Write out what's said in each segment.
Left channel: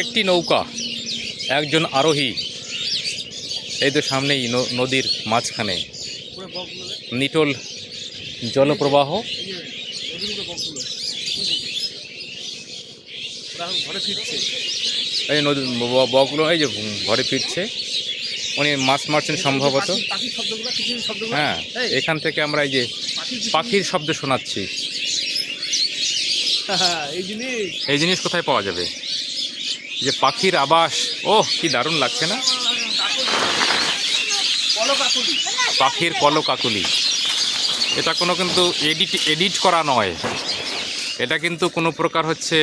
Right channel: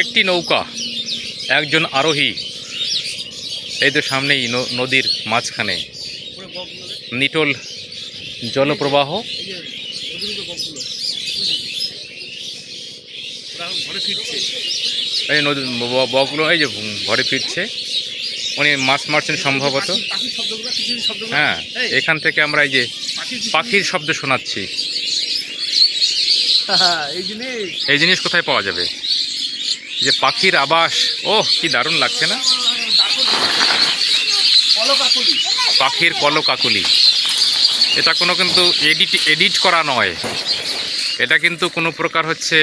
একটি নৌকা একজন আরোহী এই তো সামনেই নদীর মাঝখানে। নিটোল জলপ্রবাহ। এই নদী বকগুলো এই যে ঘরে ফিরছে। উনি মাছ মারছেন সম্ভবত। হ্যাঁ এখান থেকে আমরা এই যে পাখির শব্দ শোনাচ্ছি। এই জিনিস কোথায় পাওয়া যাবে? যে পাখির আবাস। ওহ, কি দারুণ লাগছে না? পাখির কলকাকুলি। এটা কোনো কিন্তু এডিট এডিট করা নয়। এটা কিন্তু কোনো প্রকার হচ্ছে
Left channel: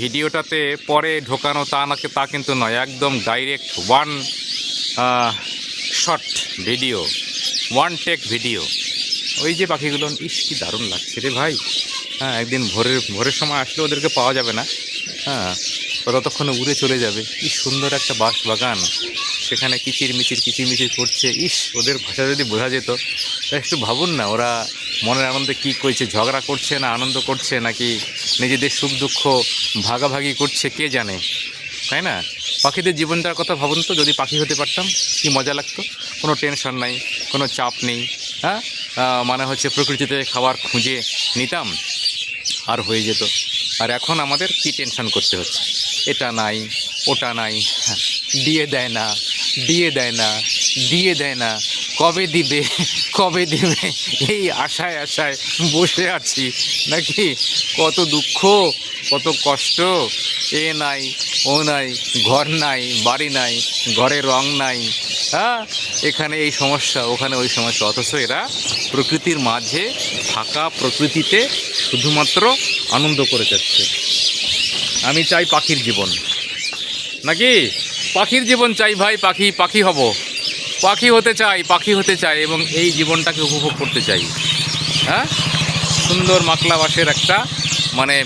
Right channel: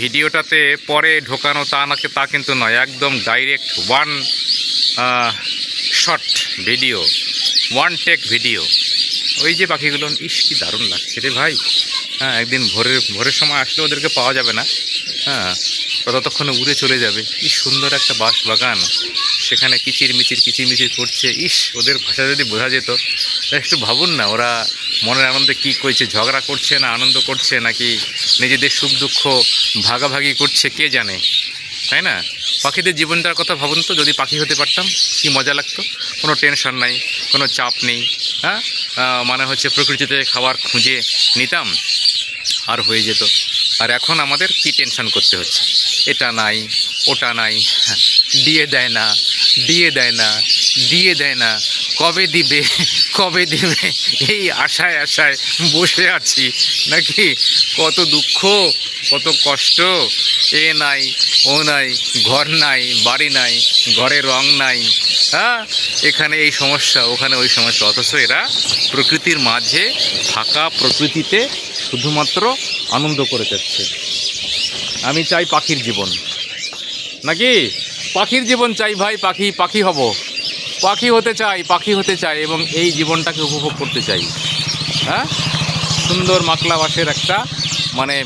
ভিডিওটাতে পরে ঢোকানো তা নাকি তা কিন্তু নয়। একদম direct one short video one take video ওই যে পাখিগুলো, ইস, কি দারুণ লাগছে রে ভাই। হ্যাঁ একদিন ভোরের ভোরের সময় আসলে ওদেরকে পাওয়া যাবে না। হ্যাঁ। ততক্ষণে উড়ে চলে যাবে। কি সুন্দর একটা বাঁশ বাগান সেখানে কিচির মিচির কিচির মিচির করছে। ইস, ওদের ভাষা যদি বোঝা যেত একটু ভাবুন না, ওরা মনের আনন্দে কি করছে, ঝগড়া করছে না আনন্দ করছে, নাকি নিজেদের সুখ দুঃখ ভাগাভাগি করছে, কে জানে? তাই না? পাখিদের জীবনটার কথা ভাবুন তো, যদি পাখি হতে পারতাম, কি মজা লাগতো? কোনো টেনশন নাই, কোনো চাপ নেই হ্যাঁ? মানে হচ্ছে প্রকৃতিতে খাবার খুঁজে নিতাম, আর হয়ে যেত। আর এখন আমাদের কি টেনশন করতে হচ্ছে? এটা নাই ওটা নাই হ্যাঁ, দিয়ে দেয় না দিয়ে দেয় না দিয়ে দেয় না কবে দিবে কবে দিবে এই আশায় আশায় বসে আছি নাকি কত দুঃখ কত কষ্ট এ নাই ও নাই ঘর নাই বাড়ি নাই ঘরে রং নাই হ্যাঁ এখানে এই সমস্যা ওখানে ওই সমস্যা অথচ এরা প্রকৃতির মাঝে ফাঁকা প্রকৃতিতে শুধুমাত্র আনন্দ করে যাচ্ছে। আমি চাই পাখির জীবন। নাকি? পাখির জীবন চাই ভাই, পাখি পাখি হব। পাখি হতে চাই, পাখি হতে চাই এবং এই জীবনটাকে উপভোগ করতে চাই। হ্যাঁ? সুন্দর মাকলা বাসের একটা মানে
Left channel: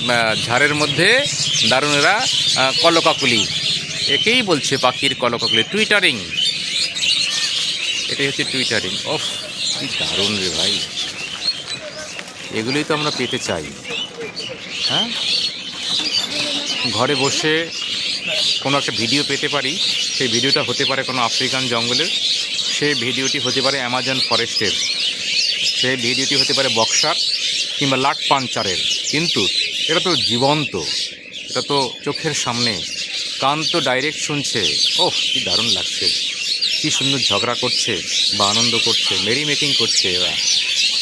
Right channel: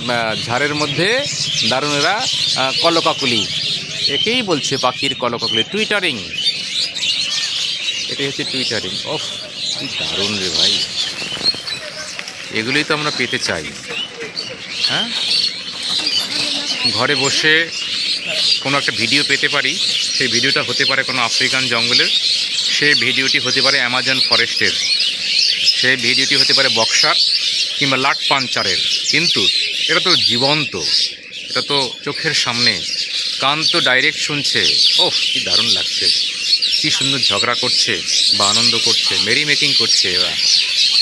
ঝাড়ের মধ্যে দারুণেরা কলকাকুলি। একেই বলছে পাখির কলকাকুলি। টুইটারিং এটাই হচ্ছে টুইটারিং ওফ, কি দারুণ রে ভাই। এগুলোই তো আমরা পেতে চাই। হ্যাঁ? ঘরে বসে কোনো একটা ভিডিও পেতে পারি। সেই ভিডিওটা হতে পারে কোনো আফ্রিকান জঙ্গলের। সেই ভিডিওটি হতে পারে অ্যামাজন ফরেস্টের সেই ভিডিওটি হতে পারে বক্সার কিংবা লাট পাঞ্চারের। কিন্তু এটা তো জীবন্ত। এটা তো চোখের সামনে। কান তো ডাইরেক্ট শুনছে। ওহ, কি দারুণ লাগছে। কি সুন্দর ঝগড়া করছে বা আনন্দ করছে মেরি মেকিং করছে এরা।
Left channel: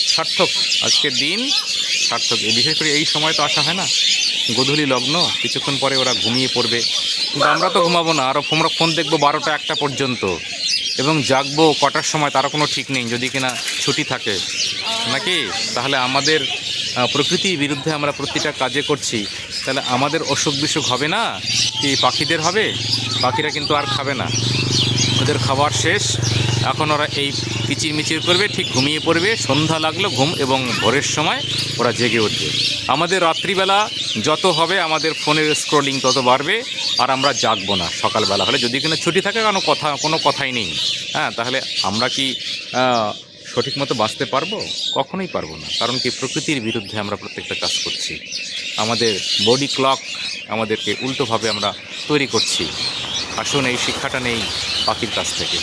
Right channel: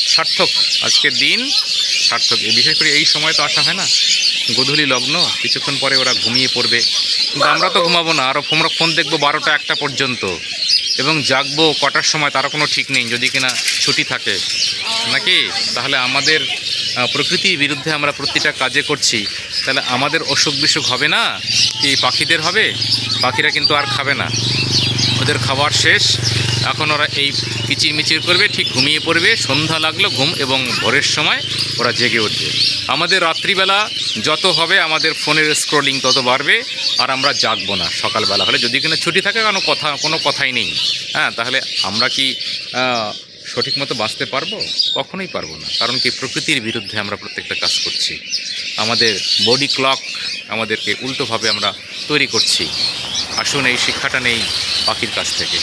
সার্থক আজকের দিন। সার্থক। বিশেষ করে এই সময় তো আসা হয় না। গোধূলি লগ্ন, কিছুক্ষণ পরে ওরা ঘুমিয়ে পড়বে। কিন্তু আমরা তো ঘুমাবো না আরও আমরা ফোন দেখব বারোটা একটা পর্যন্ত। এবং জাগবো কটার সময় তারও কোনো ঠিক নেই, যদি কিনা ছুটি থাকে। নাকি? তাহলে আমাদের প্রকৃতির বিরুদ্ধে আমরা প্রতিটা কাজে করছি। তাহলে আমাদের অসুখ বিসুখ হবে না? কি পাখিদের হবে? পাখিরা কিন্তু আর খাবে না। ওদের খাবার শেষ। এখন ওরা এই কিচির মিচির করবে, ঠিক ঘুমিয়ে পড়বে, সন্ধ্যা লাগল ঘুম এবং ভোরের সময় ওরা জেগে উঠবে। আমাদের রাত্রিবেলা যত হবে, আমাদের ফোনের স্ক্রোলিং তত বাড়বে, আর আমরা জাগবো না সকালবেলা। হলে যদি কিনা ছুটি থাকে, কোনো কথা, কোনো কথাই নেই। হ্যাঁ তাহলে আমরা কি সঠিক মতো বাঁচতে পারব? কখনোই পারব না। কারণ কি, প্রকৃতির বিরুদ্ধে আমরা প্রত্যেকটা কাজ করছি। আমাদের বডি ক্লক আমাদেরকে উল্টোভাবে আমরা তৈরি করছি। আসুন এই শিক্ষাটা নেই পাখির কাছ থেকে।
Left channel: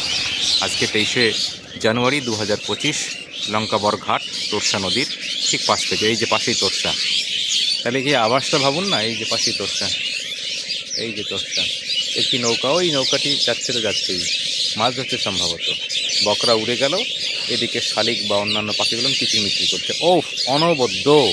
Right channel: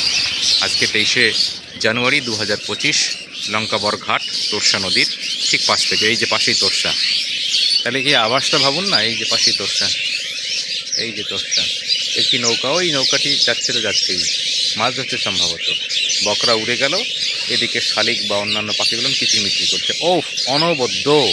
আজকে তেইশে জানুয়ারি দু হাজার পঁচিশ লঙ্কাবর ঘাট তোরসা নদীর ঠিক পাশ থেকে, এই যে পাশেই তোরসা। তাহলে কি আবাসটা ভাবুন না, এই যে পাশেই তোরসা। এই যে তোরসা। একটি নৌকা, ওই নৌকাটি যাচ্ছে তো যাচ্ছেই। মাছ ধরছে সম্ভবত। বকরা উড়ে গেল, এদিকে শালিক বা অন্যান্য পাখিগুলো কিচিরমিচির করছে। ও অনবদ্য!